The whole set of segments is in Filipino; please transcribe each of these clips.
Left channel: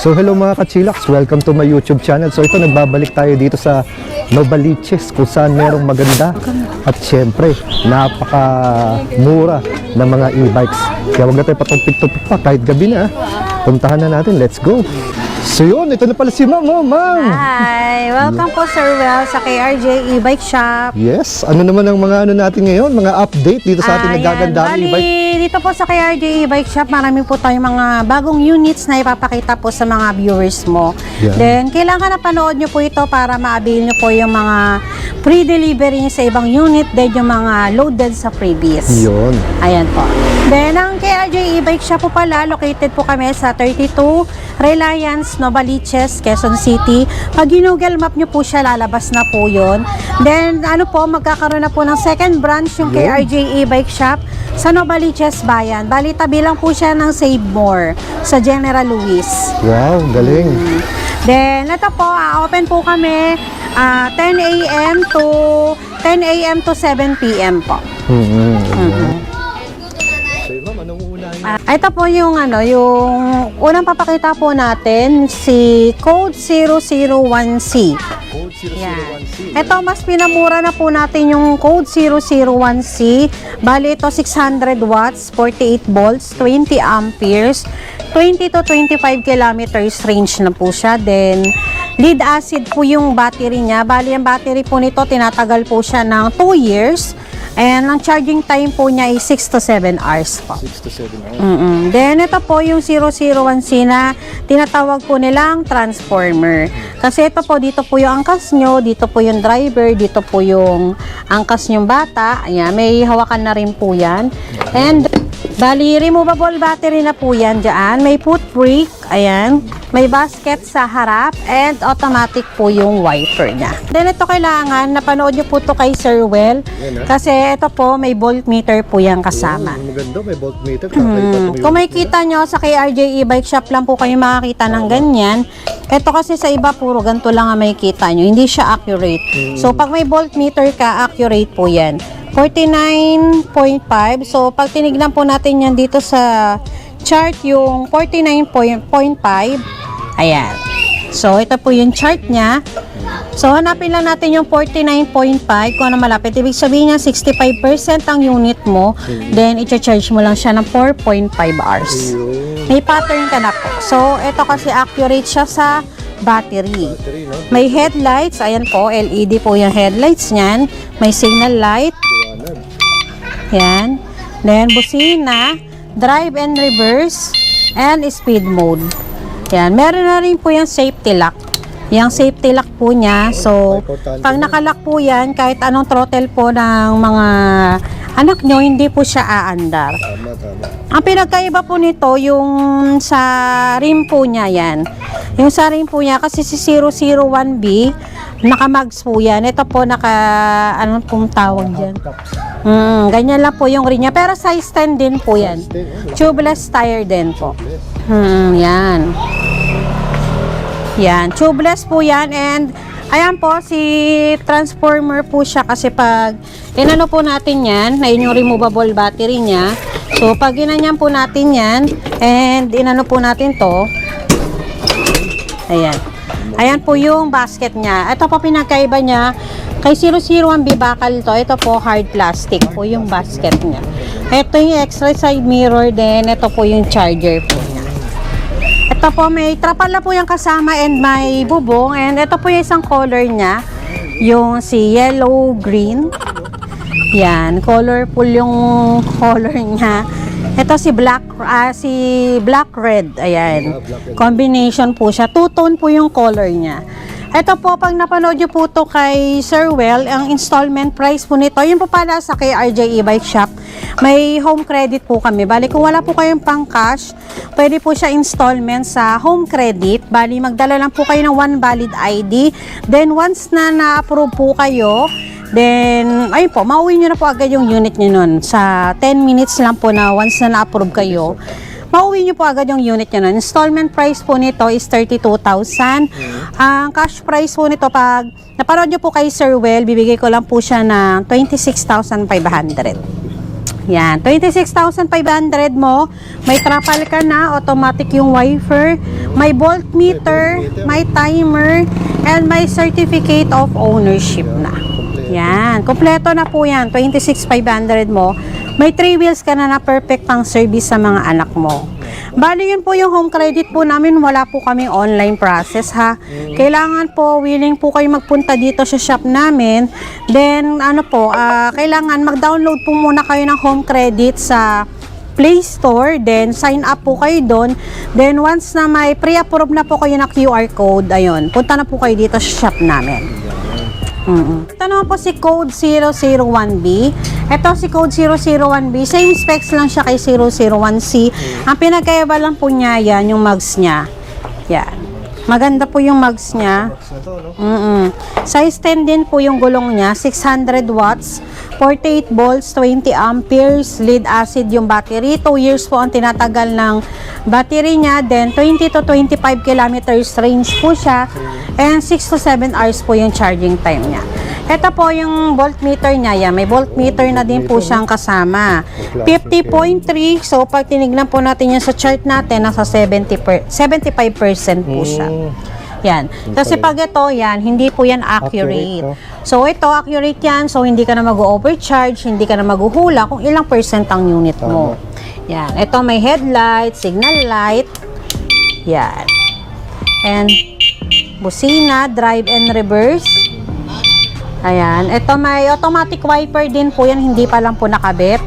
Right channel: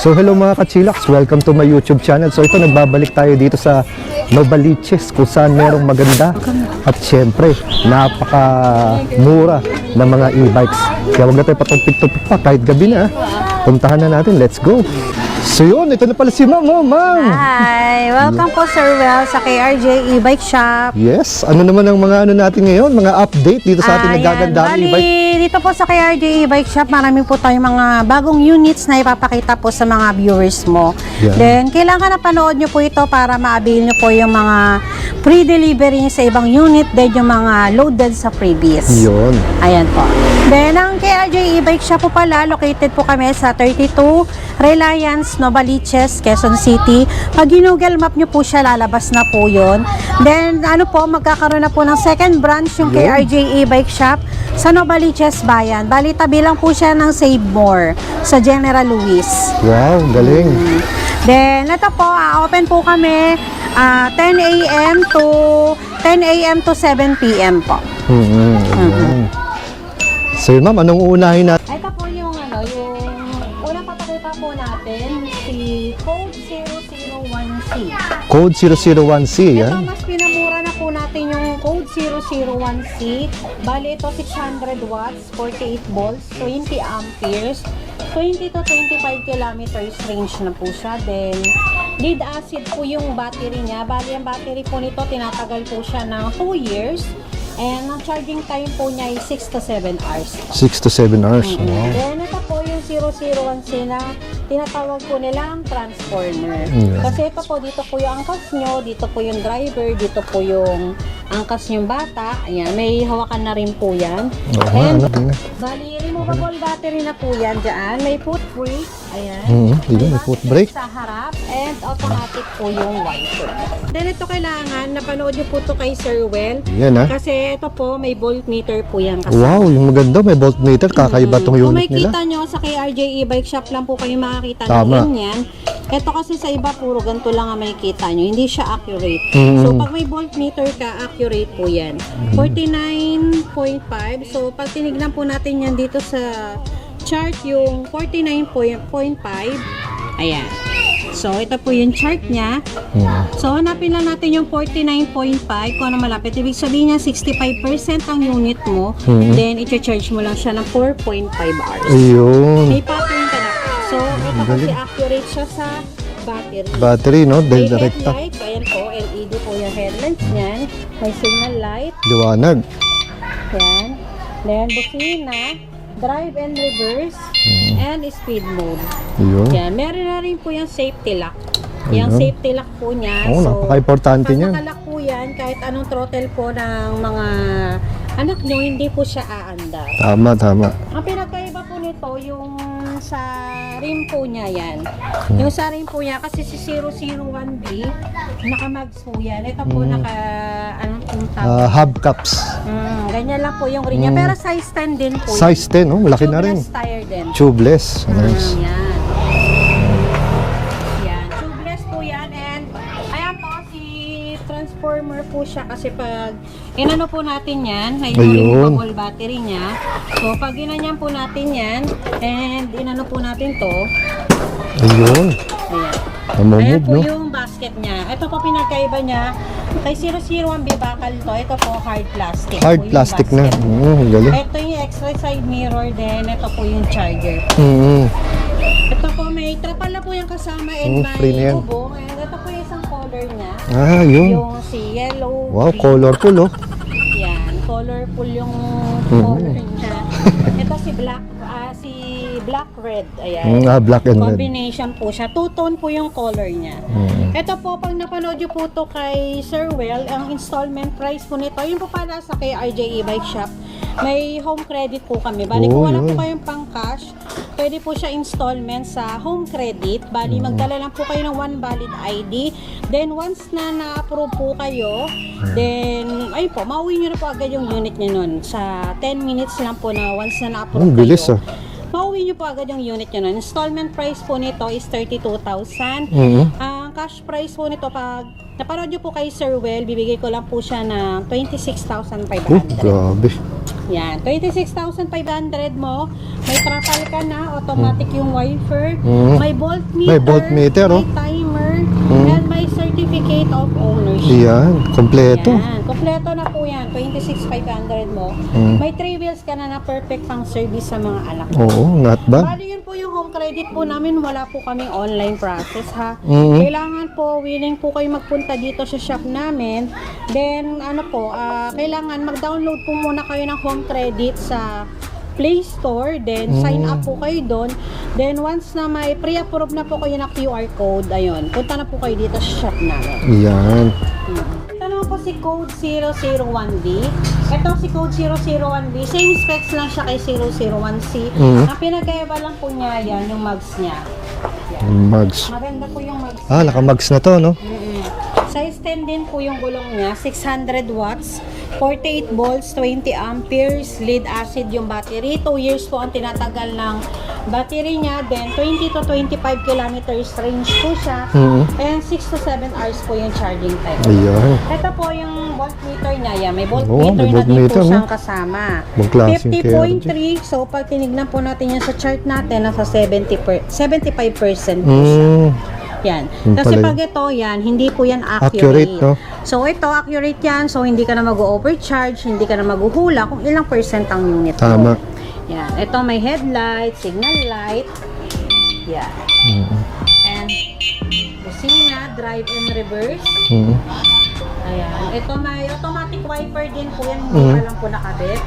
So hello mga ka-chillax, welcome to my YouTube channel. So ito, nagbabalik tayo dito sa Novaliches kung saan merong maganda at syempre napaka-mura ng mga e-bikes. Kaya huwag na tayo patumpik-tumpik pa kahit gabi na. Puntahan na natin, let's go! So yun, ito na pala si Ma'am. Oh, Ma'am! Hi! Welcome po Sir Well sa KRJ E-Bike Shop. Yes, ano naman ang mga ano natin ngayon, mga update dito sa ating nagagandang e-bike? Dito po sa KRJ E-Bike Shop, marami po tayong mga bagong units na ipapakita po sa mga viewers mo. Yeah. Then, kailangan na panood nyo po ito para ma-avail nyo po yung mga free delivery sa ibang unit, then yung mga loaded sa freebies. Yun. Ayan po. Then, ang KRJ E-Bike Shop po pala, located po kami sa 32 Reliance, Novaliches, Quezon City. Pag Google Map nyo po siya, lalabas na po yun. Then, ano po, magkakaroon na po ng second branch yung KRJ E-Bike Shop sa Novaliches Bayan. Bali, tabi lang po siya ng Save More sa General Luis. Wow, galing. Then, ito po, open po kami 10 a.m. to 7 p.m. po. So yun, Ma'am, anong uunahin natin? Ito po yung yung unang papakita po natin, si Code 001C. Code 001C. Ito, mas pinamura na po natin yung Code 001C. Bali, ito 600 watts, 48 volts, 20 amperes, 20 to 25 kilometers range na po siya. Then, lead acid po yung battery niya. Bali, ang battery po nito, tinatagal po siya ng 2 years. And ang charging time po niya ay 6 to 7 hours po. 6 to 7 hours. Then, ito po yung 001C na tinatawag po nilang transformer. Kasi ito po, dito po yung angkas nyo, dito po yung driver, dito po yung angkas nyong bata. Ayan, may hawakan na rin po yan. And, bali, removable battery na po yan dyan. May foot brake, ayan. May basket sa harap, and automatic po yung wiper niya. Then, ito kailangan, napanood nyo po to kay Sir Well. Yan, ha? Kasi ito po, may voltmeter po yan kasama. Wow, maganda. May voltmeter. Kakaiba itong unit Kung may nila. kita nyo, sa KRJ E-Bike Shop lang po kayo makakita ng Tama. ganyan. Ito kasi sa iba, puro ganito lang ang may kita nyo. Hindi siya accurate. So, pag may voltmeter ka, accurate po yan. 49.5. So, pag tinignan po natin yan dito sa chart, yung 49.5. Ayan. So, ito po yung chart niya. So, hanapin lang natin yung 49.5 kung ano malapit. Ibig sabihin niya, 65% ang unit mo. Then, i-charge mo lang siya ng 4.5 hours. Ayun. May pattern ka na po. So, ito kasi accurate siya sa battery. Battery, no? May Direct. headlights. Ayan po, LED po yung headlights niyan. May signal light. Liwanag. Yan. Then, busina, drive and reverse, and speed mode. Ayun. Yan. Meron na rin po yung safety lock. Yung safety lock po niya. Oh, So, napaka-importante pag niyan. nakalock po yan, kahit anong throttle po ng mga anak nyo, hindi po siya aandar. Tama, tama. Ang pinagkaiba po nito, yung sa rim po niya yan. Yung sa rim po niya, kasi si 001B, naka-mags po yan. Ito po anong pong tawag yan? Hubcaps. Ganyan lang po yung rim niya. Pero size 10 din po yan. Size 10, oh. Malaki Tubeless na rin. tire din. Tubeless. Yan. Yan. Tubeless po yan. And, ayan po, si transformer po siya kasi pag inano po natin yan, na yung Ayun. removable battery niya. So, pag inanyan po natin yan, and inano po natin to, Ayun. ayan. Ayan po yung basket niya. Ito po pinagkaiba niya. Kay 001B bakal to. Ito po hard plastic Hard po yung plastic basket na. niya. Galing. Ito yung extra side mirror din. Ito po yung charger. Mm. Ito po may trapal na po yung kasama and may premium. bubong. And ito po yung isang color niya. Ah, yun. Yung si yellow, Wow, green. colorful, oh. Yan, colorful yung color niya. Ito si black red. Ayan. Black and red. Combination po siya. Two-tone po yung color niya. Ito po, pag napanood niyo po to kay Sir Well, ang installment price po nito, yun po pala sa KRJ E-Bike Shop, may home credit po kami. Bali, kung wala po kayong pang cash, pwede po siya installment sa home credit. Bali, magdala lang po kayo ng one valid ID. Then, once na na-approve po kayo, then, ayun po, mauwi nyo na po agad yung unit nyo nun. Sa 10 minutes lang po na once na na-approve Bilis, kayo. Mauwi nyo po agad yung unit nyo nun. Installment price po nito is 32,000. Ang cash price po nito, pag napanood nyo po kay Sir Well, bibigay ko lang po siya ng 26,500. Grabe. Yan, 26,500 mo. May trapal ka na, automatic yung wiper. May voltmeter, voltmeter, may timer, and may certificate of ownership. Yan, kompleto. Yan, kompleto na po yan. 26,500 mo. May 3 wheels ka na perfect pang service sa mga anak mo. Oo, not bad. Bali yun po yung home credit po namin. Wala po kami online process ha. Kailangan po, willing po kayo magpunta dito sa shop namin. Then, ano po, kailangan mag-download po muna kayo ng home credit sa Play Store, then sign up po kayo doon. Then once na may pre-approve na po kayo na QR code, ayun, punta na po kayo dito sa shop namin. Yan. Ito naman po si Code 001B. Ito si Code 001B, same specs lang siya kay 001C. Ang pinagkaiba lang po niya, yan, yung mugs niya. Yan. Mugs. Maganda po yung mugs niya. Naka-mugs na to, no? Size 10 din po yung gulong niya, 600 watts, 48 volts, 20 amperes, lead acid yung battery, 2 years po ang tinatagal ng battery niya, then 20 to 25 kilometers range po siya, and 6 to 7 hours po yung charging time niya. Ayan. Ito po yung voltmeter niya, yan. May voltmeter may na din po voltmeter, siyang no? kasama. Magklaseng 50.3, so pag tinignan po natin yan sa chart natin, nasa 75% po siya. Yan. Kasi pala pag ito, yan, hindi po yan accurate. Accurate, no? So, ito, accurate yan. So, hindi ka na mag-overcharge, hindi ka na maghuhula kung ilang percent ang unit mo. Tama. Yan. Ito, may headlight, signal light. Yan. And, busina, drive and reverse. Ayan. Ito, may automatic wiper din po yan. Hindi pa lang po nakabit.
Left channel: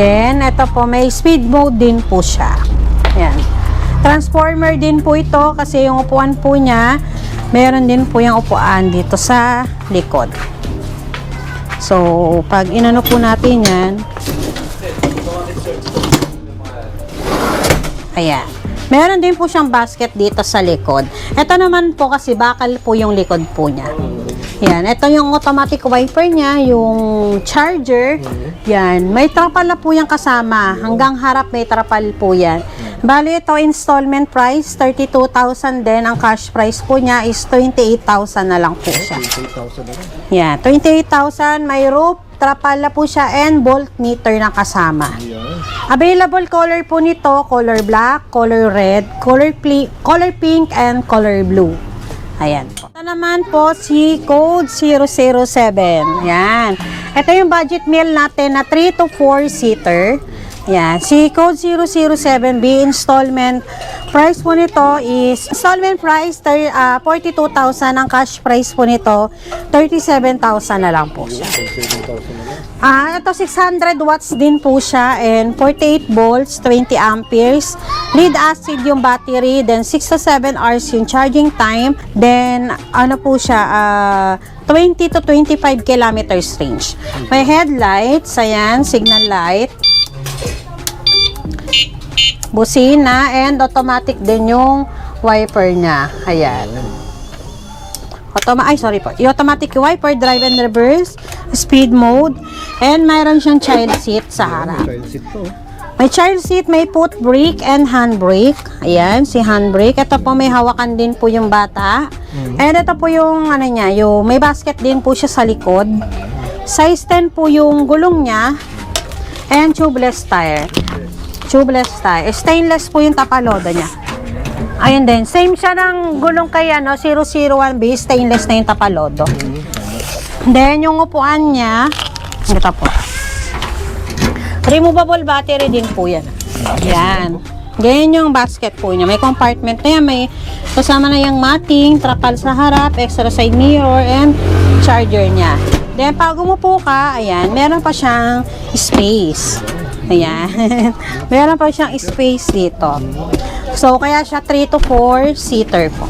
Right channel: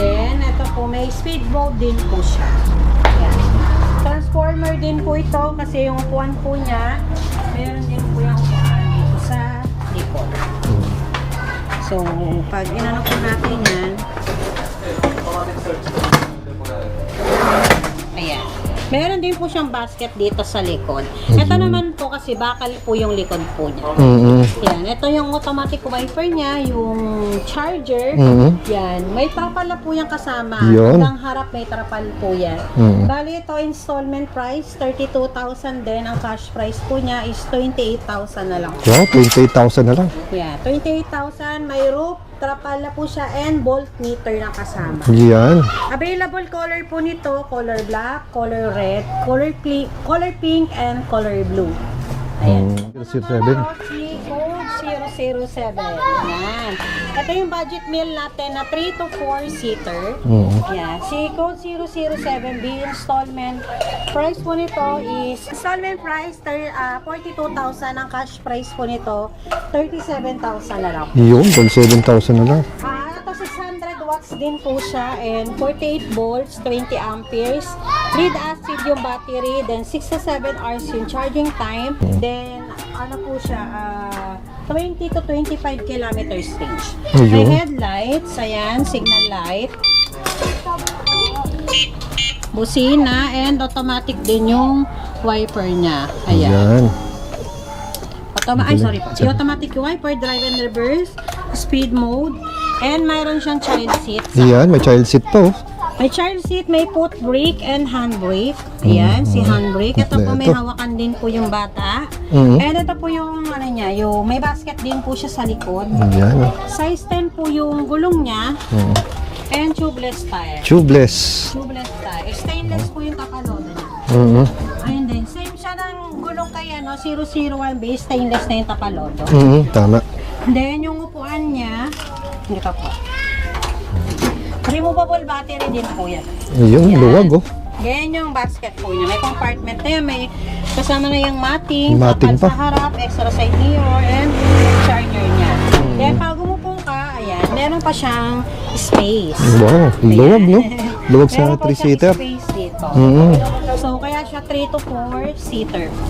Then, ito po, may speed mode din po siya. Yan. Transformer din po ito kasi yung upuan po niya, meron din po yung upuan dito sa likod. So, pag inano po natin yan, ayan. Meron din po siyang basket dito sa likod. Ito naman po kasi bakal po yung likod po niya. Yan. Ito yung automatic wiper niya, yung charger. Yan. May trapal na po yung kasama. Yun. Hanggang harap may trapal po yan. Bali ito installment price, 32,000 din. Ang cash price po niya is 28,000 na lang po Wow, siya. 28,000 na lang. Yan. 28,000. May rope, trapal na po siya, and voltmeter na kasama. Yan. Available color po nito, color black, color red, color pink, and color blue. Ayan. Ito naman po si Code 007. Yan. Ito yung budget meal natin na 3 to 4 seater. Yan. Si Code 007B installment price po nito is installment price 42,000. Ang cash price po nito 37,000 na lang po. Yun, 7,000 na lang. Ito 600 watts din po siya and 48 volts, 20 amperes. Lead acid yung battery, then 6 to 7 hours yung charging time. Then ano po siya, 20 to 25 kilometers range. May headlights, ayan, signal light. Busina and automatic din yung wiper niya. Ayan. Yan. Sorry po. Yung automatic wiper, drive and reverse, speed mode, and mayroon siyang child seat sa Yan, may harap. child seat to. May child seat, may foot brake and hand brake. Ayan, si hand brake. Ito po may hawakan din po yung bata. And ito po yung ano niya, yung may basket din po siya sa likod. Yan. Size 10 po yung gulong niya. And tubeless tire. Tubeless. Tubeless tire. Stainless po yung tapalodo niya. Ayun din. Same siya ng gulong kay 001B. Stainless na yung tapalodo. Tama. Then yung upuan niya, ito po. Removable battery din po yan. Ayun, luwag oh. Ganyan yung basket po niya. May compartment na yan. May kasama na yung matting, trapal Matting pa. sa harap, extra side mirror, and charger niya. Then pag umupo ka, ayan, meron pa siyang space. Wow, Ayan. luwag, no? Luwag sa Meron pa siyang three-seater. space dito. So, kaya siya 3 to 4 seater po.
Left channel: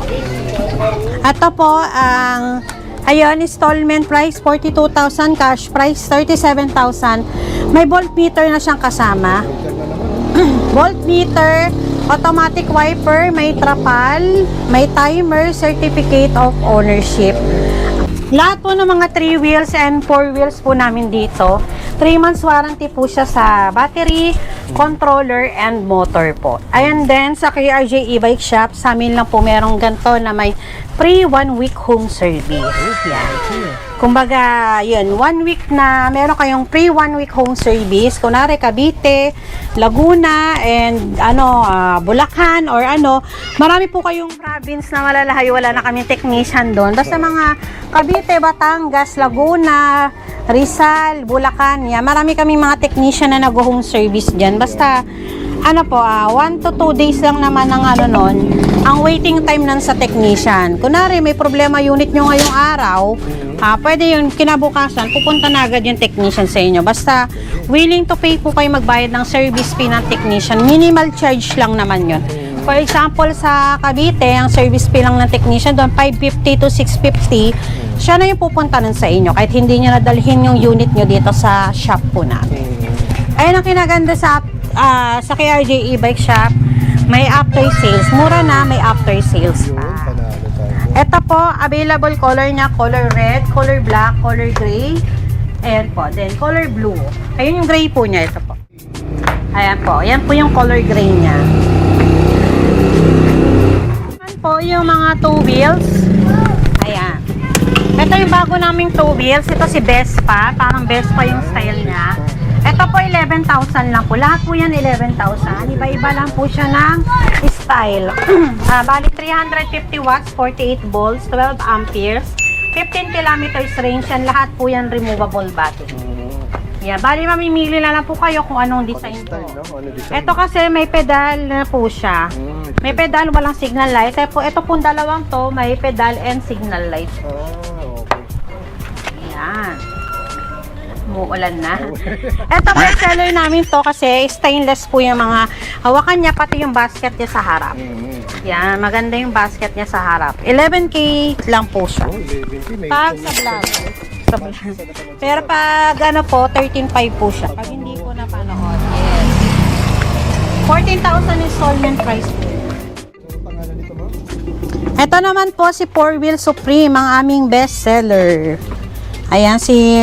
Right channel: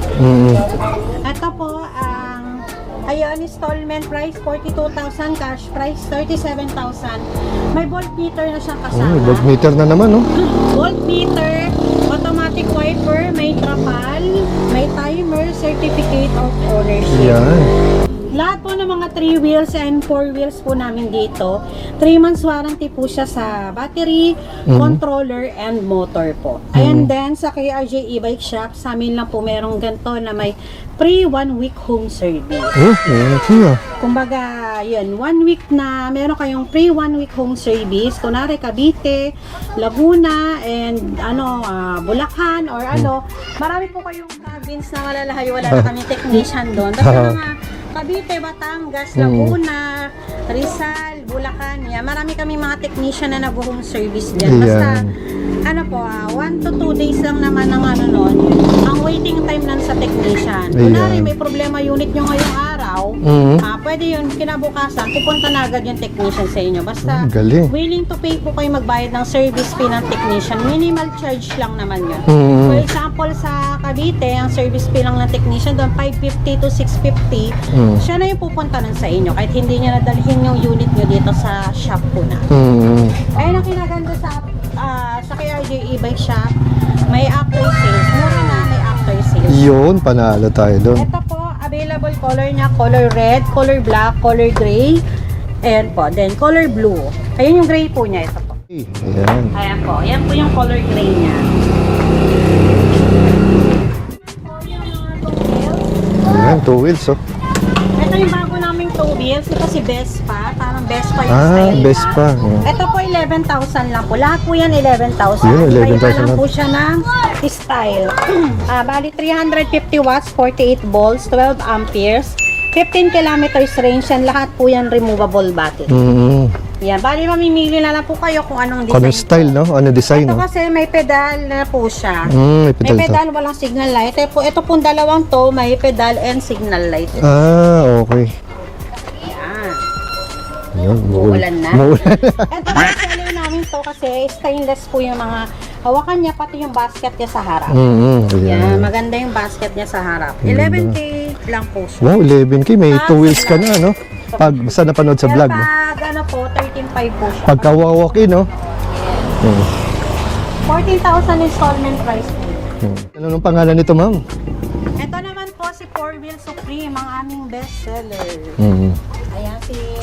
Ito po, ang ayun, installment price 42,000, cash price 37,000. May voltmeter na siyang kasama. Voltmeter na naman, no? Voltmeter, automatic wiper, may trapal, may timer, certificate of ownership. Yan. Lahat po ng mga 3 wheels and 4 wheels po namin dito. 3 months warranty po siya sa battery, controller, and motor po. And then sa KRJ e-bike shop, sa amin lang po merong ganito na may free 1 week home service. Warranty ah. Kumbaga, yun, 1 week na meron kayong free 1 week home service. Kunwari, Cavite, Laguna, and Bulacan, or marami po kayong province na malalayo, wala na kaming technician doon. Basta mga Cavite, Batangas, Laguna, Rizal, Bulacan, yan. Marami kaming mga technician na nag-home service dyan. Basta, 1 to 2 days lang naman ang ang waiting time nan sa technician. Kunwari, may problema unit nyo ngayong araw, pwede yun, kinabukasan, pupunta na agad yung technician sa inyo. Basta, willing to pay po kayo magbayad ng service fee ng technician. Minimal charge lang naman yun. For example, sa Cavite, ang service fee lang ng technician doon, 550 to 650, siya na yung pupunta nun sa inyo, kahit hindi nyo nadalhin yung unit nyo dito sa shop po na. Ayun ang kinaganda sa KRJ e-bike shop, may after sales. Mura na, may after sales. Yun, panalo tayo doon. Ito po, available color niya, color red, color black, color gray. Ayan po, then color blue. Ayun yung gray po niya, ito po. Ayan. Ayan po, ayan po yung color gray niya. Ayan po yung mga 2 wheels. Ayan, 2 wheels oh. Ito yung bago naming 2 wheels. Ito si Vespa. Parang Vespa yung style niya. Vespa. Ito po 11,000 lang po. Lahat po yan 11,000. Iba lang po siya ng style. Bali 350 watts, 48 volts, 12 amperes, 15 kilometers range yan. Lahat po yan removable battery. Yan. Bali mamimili na lang po kayo kung anong design. Anong style, no? Ano design? Ito kasi may pedal na po siya. May pedal, walang signal light. Ito pong dalawang to, may pedal and signal light. Okay. Yan. Yan, Uulan na. Ito po yung seller namin to kasi stainless po yung mga hawakan niya, pati yung basket niya sa harap. Yan, maganda yung basket niya sa harap. 11K lang po siya. Wow, 11K. May 2 wheels ka na, no? Pag sa napanood sa Pero vlog. pag po, 13,500 po siya. Pagka walk-in, no? 14,000 installment price po. Ano nung pangalan nito, ma'am? Ito naman po si 4 Wheel Supreme, ang aming best seller. Ayan, si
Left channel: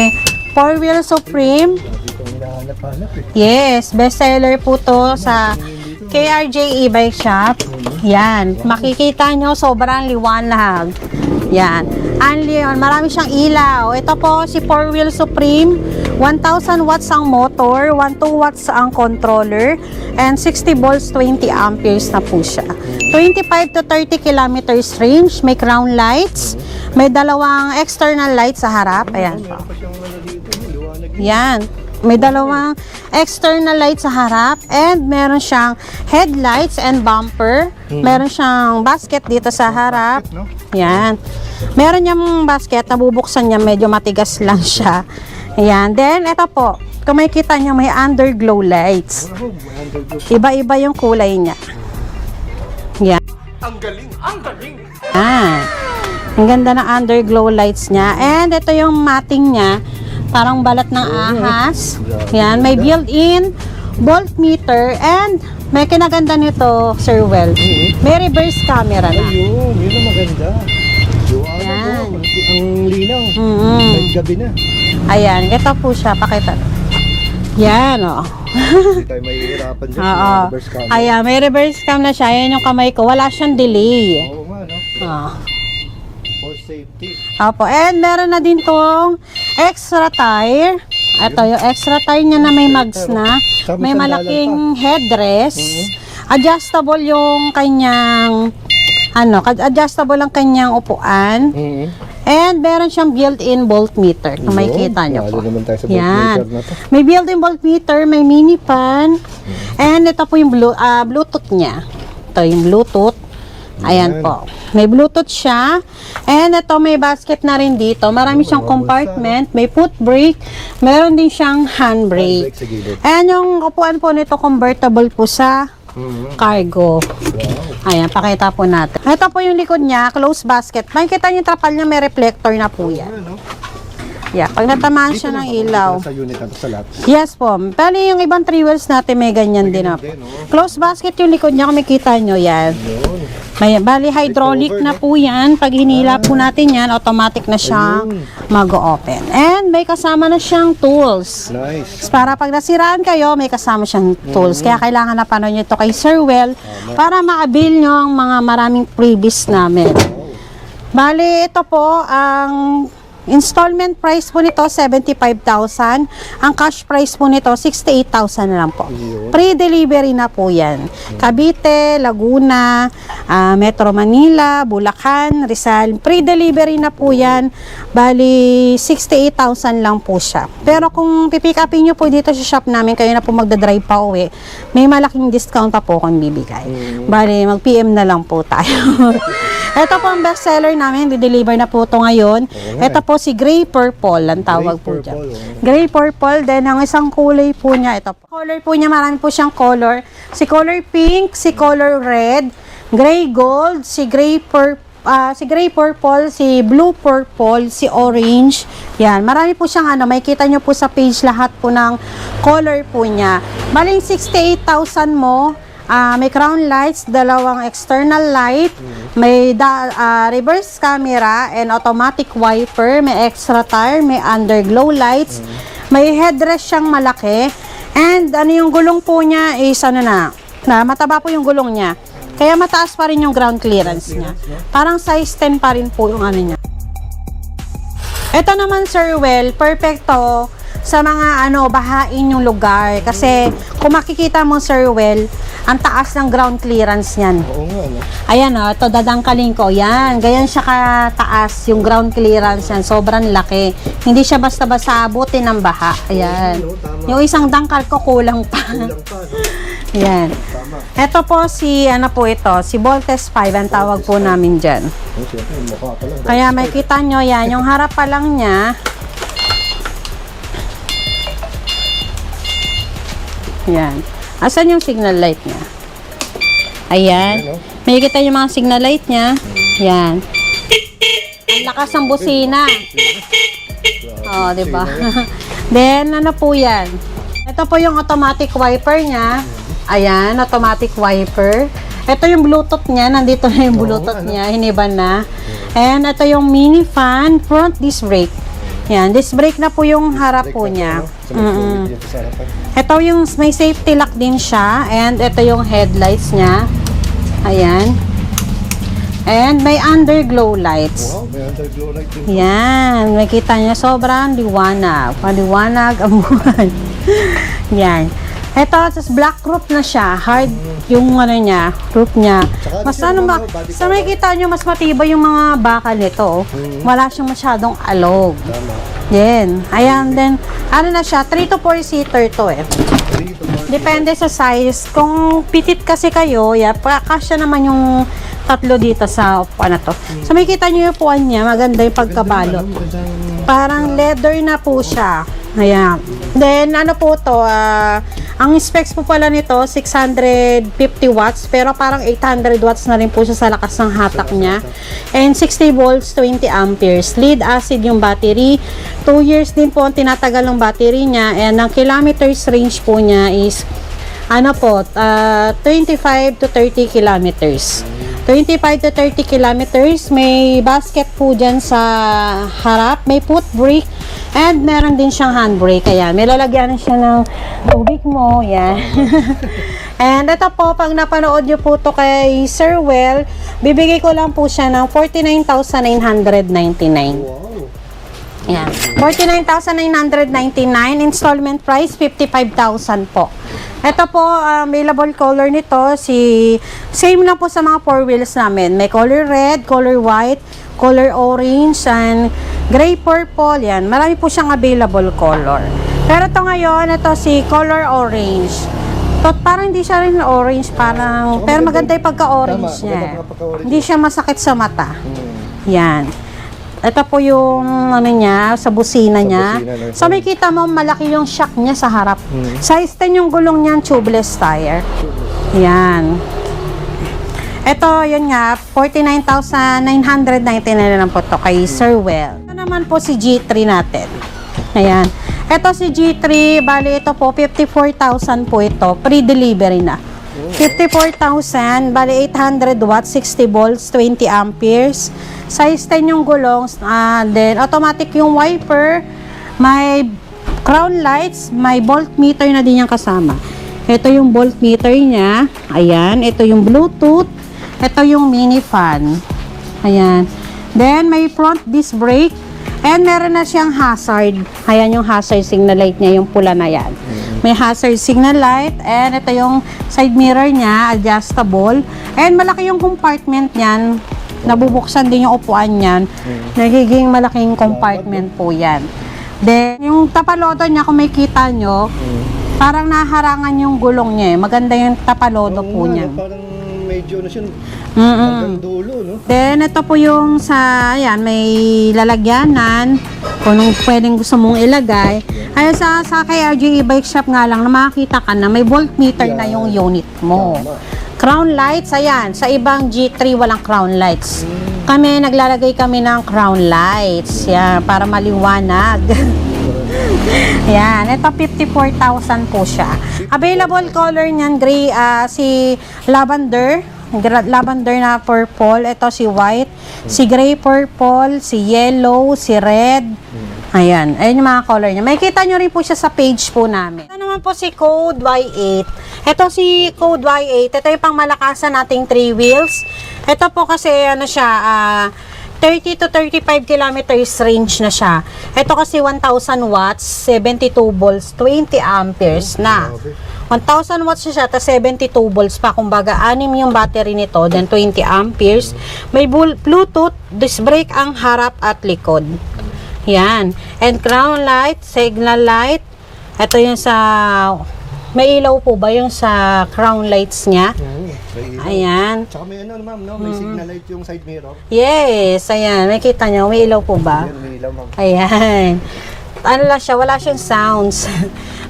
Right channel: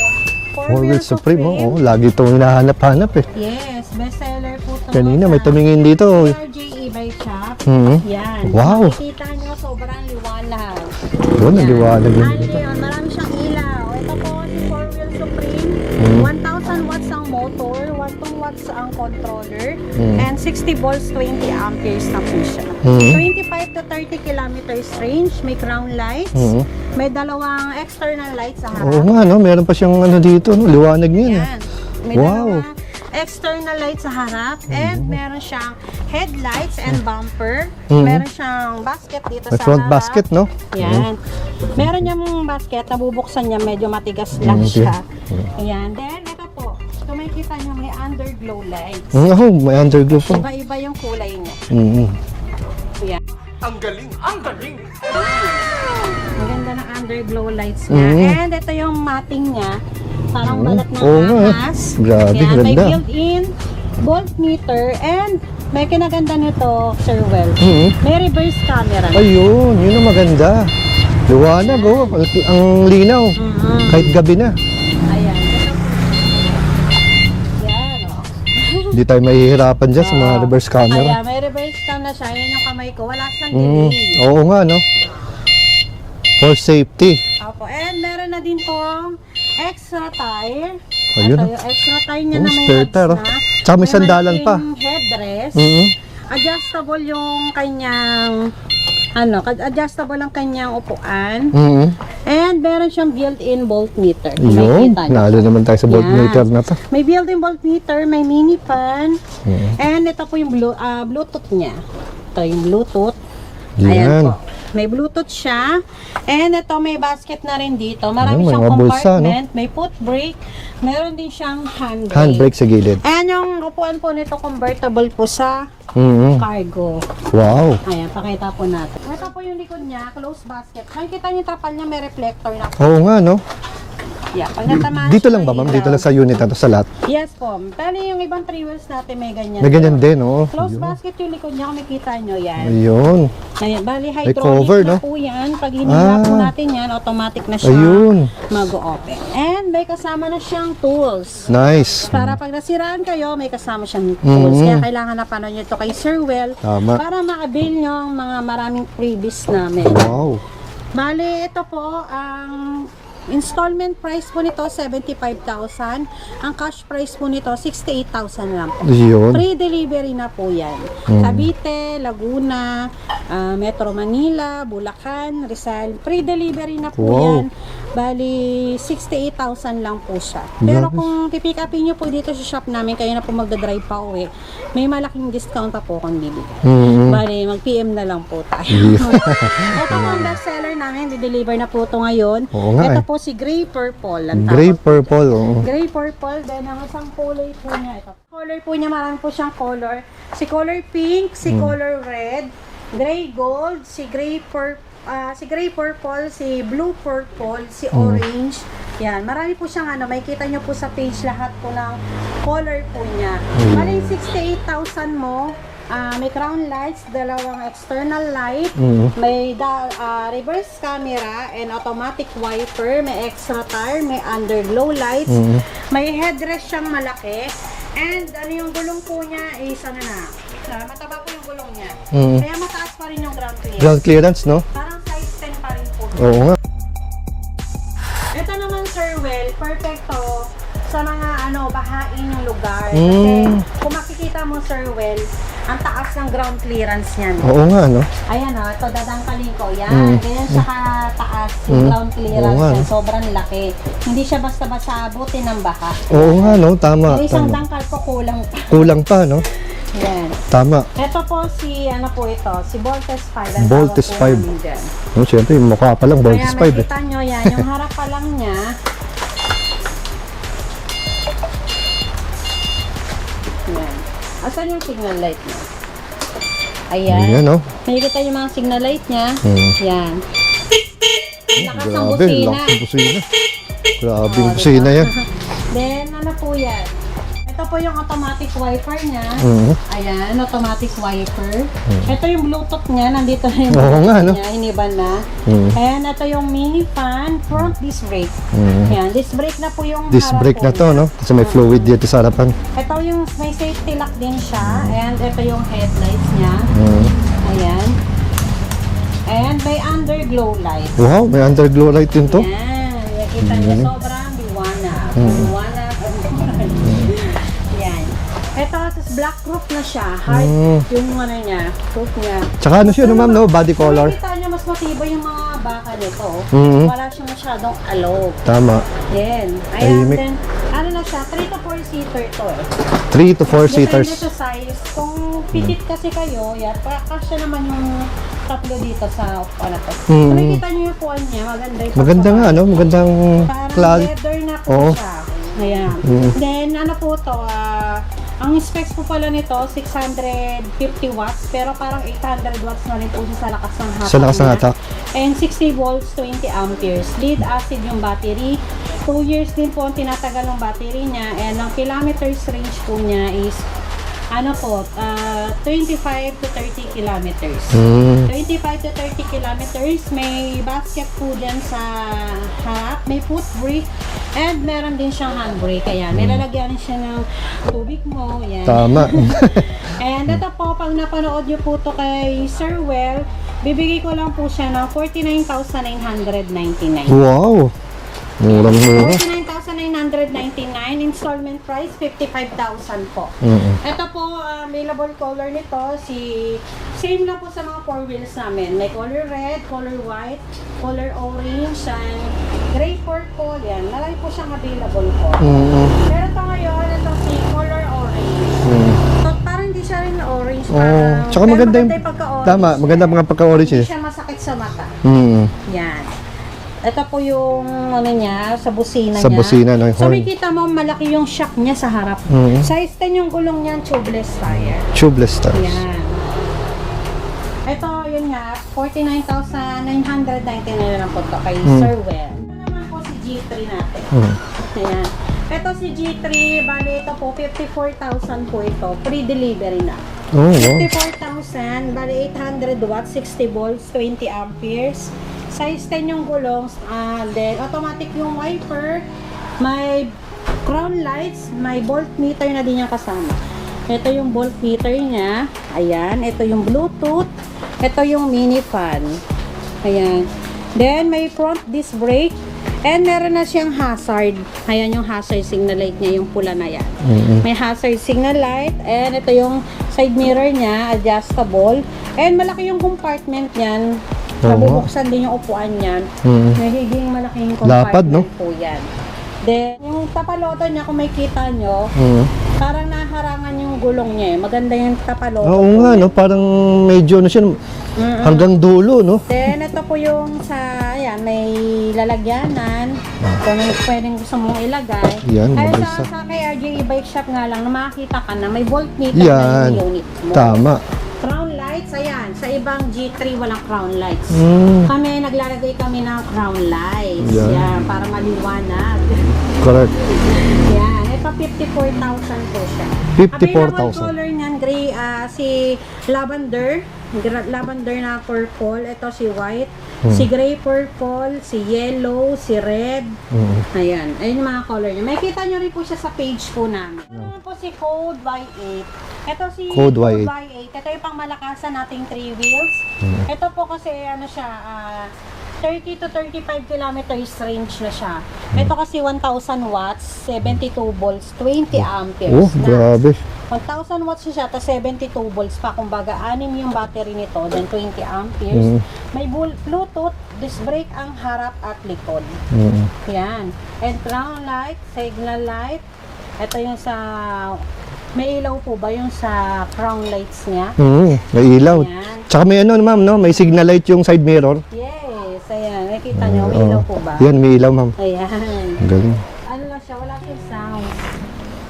4 Wheel Supreme. Lagi itong hinahanap-hanap eh. Yes, best seller po to Kanina, may sa tumingin dito. KRJ e-bike shop. Yan, Wow. makikita nyo sobrang liwanag. Yun, Yan, liwanag. marami siyang ilaw. Ito po si 4 Wheel Supreme, 1,000 watts ang motor, 12 watts ang controller, and 60 volts, 20 amperes na po siya. 25 to 30 kilometers range, may crown lights, may dalawang external lights sa harap. Oo, meron pa siyang dito, no? Liwanag niya. Yan. May dalawang external lights sa harap and meron siyang headlights and bumper. Meron siyang basket dito sa front harap. basket, no? Yan. Meron niyang basket, nabubuksan niya, medyo matigas lang siya. Ayan. Then, ito po, kung makikita niyo, may underglow lights. May underglow po. Iba-iba yung kulay niya. Yan. Ang galing! Ang galing! Ang ganda ng underglow lights niya. And ito yung matting niya. Parang balat ng ahas. Grabe, Yan, may ganda. built-in voltmeter and may kinaganda nito, Sir Well. May reverse camera na. Ayun, yun ang maganda. Liwanag, oh. Ang linaw. Kahit gabi na. Ayan, ito po siya. Pakita. Yan, oh. Hindi tayo mahihirapan dyan sa mga Oo. reverse camera. Ayan, may reverse cam na siya. Ayan yung kamay ko. Wala siyang delay. Oo nga, no? For safety. Opo. And meron na din tong extra tire. Ayun. Ito yung extra tire niya na may spare mags tire, na. oh. Tsaka may sandalan malaking pa. headrest. Adjustable yung kanyang adjustable ang kanyang upuan. And meron siyang built-in voltmeter. Kung makikita niyo. Nalo naman tayo sa voltmeter na to. May built-in voltmeter, may mini fan. And ito po yung Bluetooth niya. Ito yung Bluetooth. Ayan Yan. po. May Bluetooth siya. And ito may basket na rin dito. Marami May siyang mga bulsa, compartment. May foot brake. Meron din siyang handbrake. Handbrake sa gilid. And yung upuan po nito convertible po sa cargo. Wow. Ayan, pakita po natin. Ito po yung likod niya, closed basket. Makikita niyo yung trapal niya, may reflector na po. Oo nga, no? Yeah, pag natamaan Dito siya lang ng ba, ma'am? ilaw. Dito lang sa unit na to, sa lahat? Yes po. Bali yung ibang 3 wheels natin may ganyan May din. ganyan oh. din, oh. Close basket yung likod niya, kung makita nyo yan. Ayun. May, bali hydraulic cover, na no? po yan. Pag hinila po natin yan, automatic na siya Ayun. mag-open. And may kasama na siyang tools. Nice. Para pag nasiraan kayo, may kasama siyang tools. Kaya kailangan na panood nyo ito kay Sir Well Tama. para ma-avail nyo ang mga maraming freebies namin. Wow. Bali, ito po, ang installment price po nito, 75,000. Ang cash price po nito, 68,000 na lang po. Ayun. Pre-delivery na po yan. Cavite, Laguna, Metro Manila, Bulacan, Rizal. Pre-delivery na po Wow. yan. Bali, 68,000 lang po siya. Pero kung pipick upin nyo po dito sa shop namin, kayo na po magdadrive pa uwi, may malaking discount pa po kung bibigay. Bali, mag-PM na lang po tayo. Ito po ang best seller namin. Di-deliver na po ito ngayon. Oo nga Ito eh. po si Gray Purple ang Gray tawag po dyan. purple, oh. Gray Purple. Then, ang isang kulay po niya, ito po. Color po niya, marami po siyang color. Si color pink, si color red, gray gold, si gray purple, si blue purple, si orange. Yan, marami po siyang may kita nyo po sa page lahat po ng color po niya. Maling 68,000 mo, may crown lights, dalawang external light, may reverse camera and automatic wiper, may extra tire, may underglow lights, may headrest siyang malaki, and yung gulong po niya is mataba po yung gulong niya. Kaya mataas pa rin yung ground Ground clearance. clearance, no? Parang size 10 pa rin po yung Oo nga. Ito naman, Sir Well, perfecto sa mga bahain yung lugar. Kasi kung makikita mo, Sir Well, ang taas ng ground clearance niyan. Oo nga, no? Ayan ito dadangkalin ko. Yan, ganyan siya kataas yung ground clearance Oo nga. yan. Sobrang laki. Hindi siya basta-basta abutin ng baha. Oo nga, Ayan. no? Tama. Yung isang dangkal ko kulang pa. Kulang pa, no? Yan. Tama. Ito po si si Voltes 5 ang tawag Voltes po 5. namin dyan. No, siyempre, yung mukha pa lang, Kaya Voltes 5. makita nyo yan, yung harap pa lang niya. Yan. Asan yung signal light niya? Ayan. Ayan, no? Makikita yung mga signal light niya. Yan. Ang lakas ng busina. Lakas ng busina. Grabe Oh, yung diba? busina yan. Then, po yan? Ito po yung automatic wiper niya. Ayan, automatic wiper. Ito yung Bluetooth niya. Nandito na yung Oo Bluetooth nga, no? niya. Hiniban na. And ito yung mini fan, front disc brake. Yan, disc brake na po yung Disc harap brake po na to, niya. no? Kasi may fluid dito sa harapan. Ito yung may safety lock din siya. And ito yung headlights niya. Ayan. And may underglow lights. Wow, may underglow light din to. Yan, makita niya sobrang liwanag. Paliwanag ang buwan. Yan. Ito, tapos black roof na siya. Hard yung roof niya. Tsaka ano siya, ma'am, no? Body so, color. makita nyo, mas matibay yung mga bakal nito. Wala siyang masyadong alog. Tama. Yan. Ayan, Tahimik. then, na siya, 3 to 4 seater to 3 to 4 Depende seaters. sa size. Kung pitit kasi kayo, kasya naman yung tatlo dito sa upuan na to. So, makikita nyo yung upuan niya. Maganda yung pagkabalot. Magandang Parang plan. leather na po Oo. siya. Ayan. Then, po to, ang specs po pala nito, 650 watts, pero parang 800 watts na rin po siya sa lakas ng hatak Sa lakas ng niya. hatak. And 60 volts, 20 amperes. Lead acid yung battery. 2 years din po ang tinatagal ng battery niya. And ang kilometers range po niya is 25 to 30 kilometers. 25 to 30 kilometers. May basket po dyan sa harap. May foot brake. And meron din siyang handbrake. Kaya may lalagyan siya ng tubig mo. Yan. Tama. And ito po, pag napanood nyo po to kay Sir Well, bibigay ko lang po siya ng 49,999. Wow. Yan. Murang-mura. 49,999. Installment price, 55,000 po. Ito po, available color nito, same na po sa mga 4 wheels namin. May color red, color white, color orange, and gray purple. Yan. Marami po siyang available color. Pero ito ngayon, ito si color orange. So, parang hindi siya rin orange, parang, Tsaka pero maganda yung pagka-orange Tama, niya. maganda mga pagka-orange Hindi eh. siya masakit sa mata. Mm. Yan. Ito po yung niya, sa busina Sa niya. busina, no, yung So horn. makita mo malaki yung shock niya sa harap. Size 10 yung gulong niyan, tubeless tire. Tubeless to. Yan. Ito, yun nga, 49,999 na lang po to kay Sir Well. naman po si G3 natin. Hmm. Ayan. Ito si G3, bali ito po, 54,000 po ito. Pre-delivery na. 54,000, bali 800 watts, 60 volts, 20 amperes. Size 10 yung gulong. Then, automatic yung wiper. May crown lights, may voltmeter na din yung kasama. Ito yung voltmeter niya. Ayan. Ito yung Bluetooth. Ito yung mini fan. Ayan. Then, may front disc brake. And meron na siyang hazard. Ayan yung hazard signal light niya, yung pula na yan. May hazard signal light. And ito yung side mirror niya, adjustable. And malaki yung compartment niyan. Nabubuksan din yung upuan niyan. Nagiging malaking compartment po yan. Then, yung tapaloto niya, kung may kita nyo, parang naharangan yung gulong niya. Maganda yung tapaloto Oo po nga, niya. no? Parang medyo na siya hanggang dulo, no? Then, ito po yung sa, ayan, may lalagyanan. Kung pwedeng gusto mong ilagay. Yan, Ay, sa kay RJ Bike Shop nga lang, na makakita ka na, may voltmeter na yung unit mo. Tama. Crown lights, ayan. Sa ibang G3, walang crown lights. Kami, naglalagay kami ng crown lights. Yan, para maliwanag. Correct. Yan, ito 54,000 po siya. 54,000. Available color niyan, gray, si lavender. Lavender na purple. Ito si white. Si gray purple. Si yellow. Si red. Ayan. Ayan yung mga color niya. Makikita nyo rin po siya sa page po namin. Ito naman po si Code Y8. Ito si Code Y8. Ito yung pang malakasan nating 3 wheels. Ito po kasi ano siya, 30 to 35 kilometers range na siya. Ito kasi 1,000 watts, 72 volts, 20 amperes na. Grabe. 1,000 watts siya, tapos 72 volts pa. Kumbaga, 6 yung battery nito, then 20 amperes. May Bluetooth, disc brake ang harap at likod. Yan. And crown light, signal light. Ito yung sa... May ilaw po ba yung sa crown lights niya? May ilaw. Ayan. Tsaka may ano, ma'am, no? May signal light yung side mirror. Yes, ayan. Nakita nyo, may ilaw po ba? Yan, may ilaw, ma'am. Ayan. Galing. Ano lang siya, wala siyang sounds.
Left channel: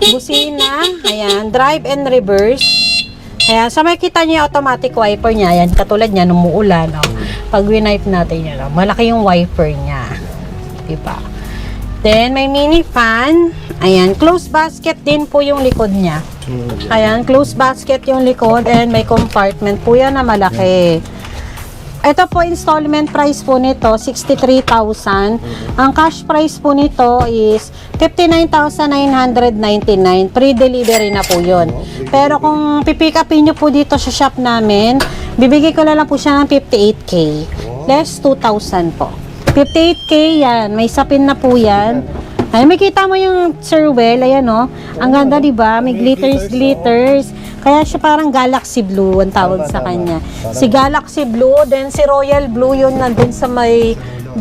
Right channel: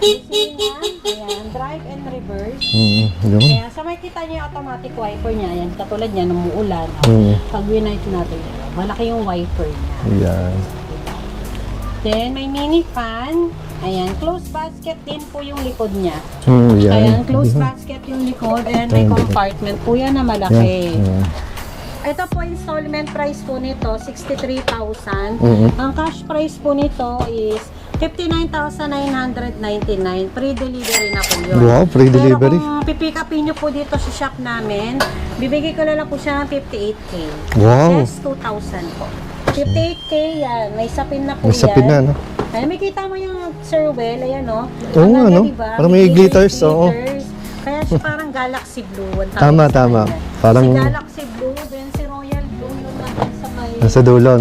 Busina, ayan, drive and reverse. Ayan, sa makikita niyo yung automatic wiper niya, ayan, katulad niya, nung umuulan, pag winipe natin yun, malaki yung wiper niya. Ayan. Diba? Then, may mini fan. Ayan, closed basket din po yung likod niya. Yan. Ayan, closed basket yung likod and may compartment po yan na malaki. Ito po, installment price po nito, 63,000. Ang cash price po nito is 59,999. Pre-delivery na po yun. Wow, pre-delivery. Pero kung pipick upin nyo po dito sa shop namin, bibigay ko na lang po siya ng 58K. Wow. Less 2,000 po. 58K yan. May sapin na po May sapin yan. na, no? Ay, may kita mo yung Sirwell, ayan o. Ang Oo, ganda, ano? diba? Parang May may glitters, glitters, Kaya siya parang Galaxy Blue ang tawag Tama, sa tama. kanya. Parang- Si Galaxy Blue, then si Royal Blue yun nandun sa may Sa dulo.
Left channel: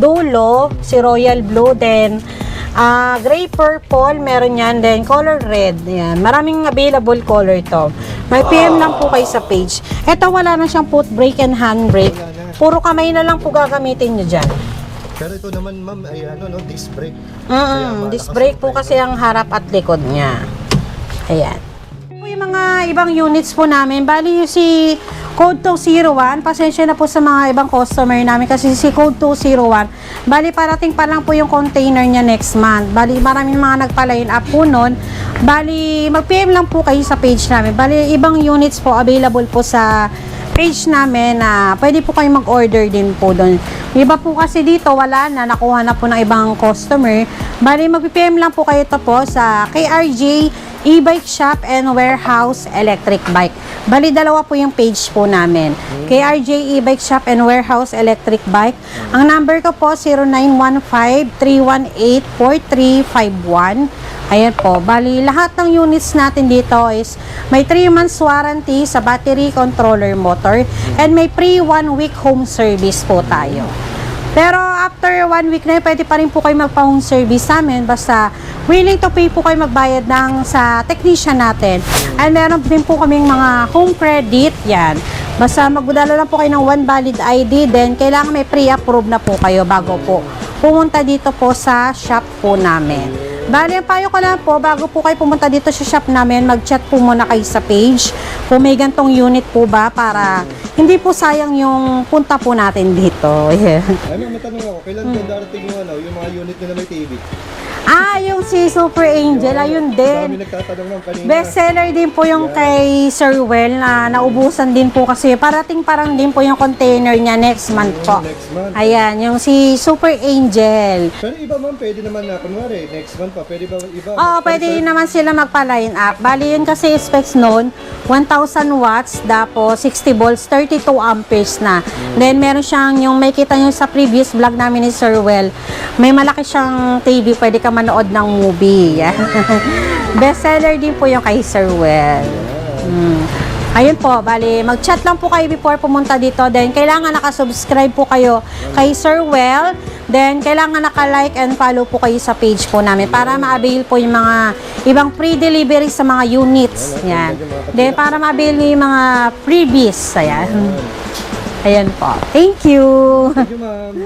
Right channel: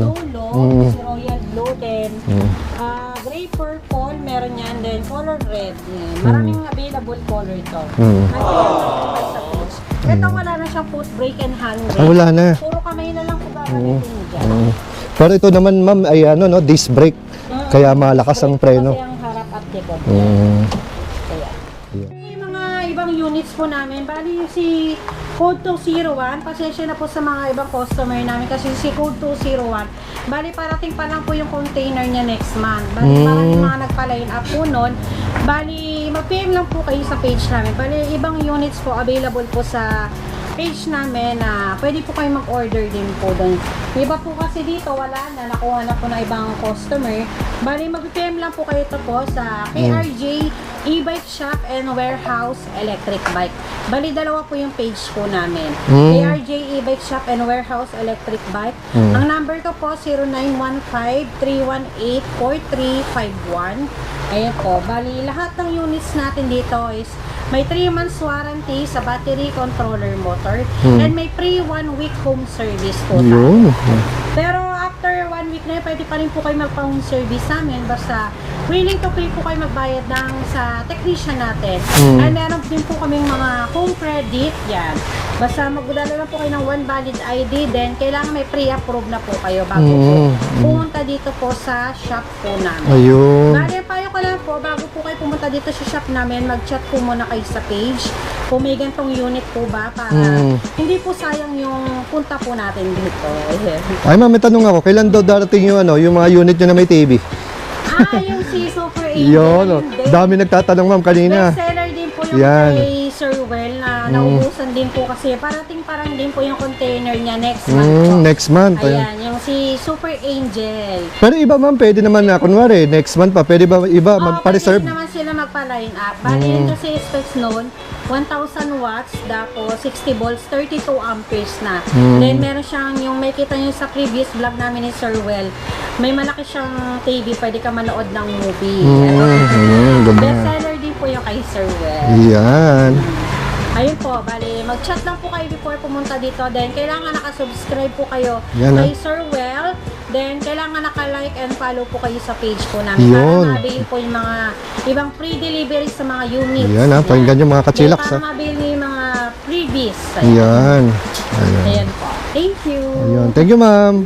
si Royal Blue, then gray purple, meron yan, then color red. Yan. Maraming available color to. May PM lang po kayo sa page. Ito wala na siyang foot brake and hand brake. Wala na. Puro kamay na lang po gagamitin nyo dyan. Pero ito naman, ma'am, ay ano, no? Disc brake. Kaya malakas Disc ang brake po preno. kasi ang harap at likod niya. Ayan. Po yung mga ibang units po namin, bali yung si Code 201, pasensya na po sa mga ibang customer namin kasi si Code 201, bali parating pa lang po yung container niya next month. Bali maraming mga nagpa-line up po nun. Bali mag-PM lang po kayo sa page namin. Bali ibang units po available po sa page namin na pwede po kayo mag-order din po doon. Iba po kasi dito, wala na, nakuha na po ng ibang customer. Bali, mag-PM lang po kayo ito po sa KRJ E-Bike Shop and Warehouse Electric Bike. Bali, dalawa po yung page po namin. KRJ E-Bike Shop and Warehouse Electric Bike. Ang number ko po, 0915-318-4351. Ayan po. Bali, lahat ng units natin dito is may 3 months warranty sa battery, controller, motor, and may free 1 week home service po tayo. Pero after 1 week na yun, pwede pa rin po kayo magpa-home service sa amin. Basta willing to pay po kayo magbayad sa technician natin. And meron din po kaming mga home credit. Yan. Basta magdala lang po kayo ng one valid ID, then kailangan may pre-approve na po kayo bago po pumunta dito po sa shop po namin. Ayun. Bali, payo ko lang po, bago po kayo pumunta dito sa shop namin, mag-chat po muna kayo sa page kung may gantong unit po ba para hindi po sayang yung punta po natin dito. Yeah. Ay ma'am, may tanong ako, kailan daw darating yung yung mga unit nyo na may TV? Yung si Super Angel, ayun din. Dami nagtatanong ma'am kanina. Bestseller din po yung Yan. kay Sir Well na naubusan din po kasi parating parang din po yung container niya next month po. Next month. Ayan, yung si Super Angel. Pero iba ma'am, pwede naman na, kunwari, next month pa, pwede ba iba Pwede magpa-reserve? naman sila magpa-line up. Bali yun kasi specs noon, 1,000 watts, tapos 60 volts, 32 amperes na. Then meron siyang, yung may kita nyo sa previous vlog namin ni Sir Well, may malaki siyang TV, pwede ka manood ng movie. Bestseller din po yung kay Sir Well. Yan. Ayun po, bali, mag-chat lang po kayo before pumunta dito. Then, kailangan nakasubscribe po kayo Yan, kay Sir Well. Then, kailangan naka-like and follow po kayo sa page po namin para Yun. ma-avail po yung mga ibang free delivery sa mga units. Yan, pakinggan yung mga Then, kachilak, para ma-avail yung mga freebies. Ayan. Yan. Ayan po. Thank you. Thank you ma'am.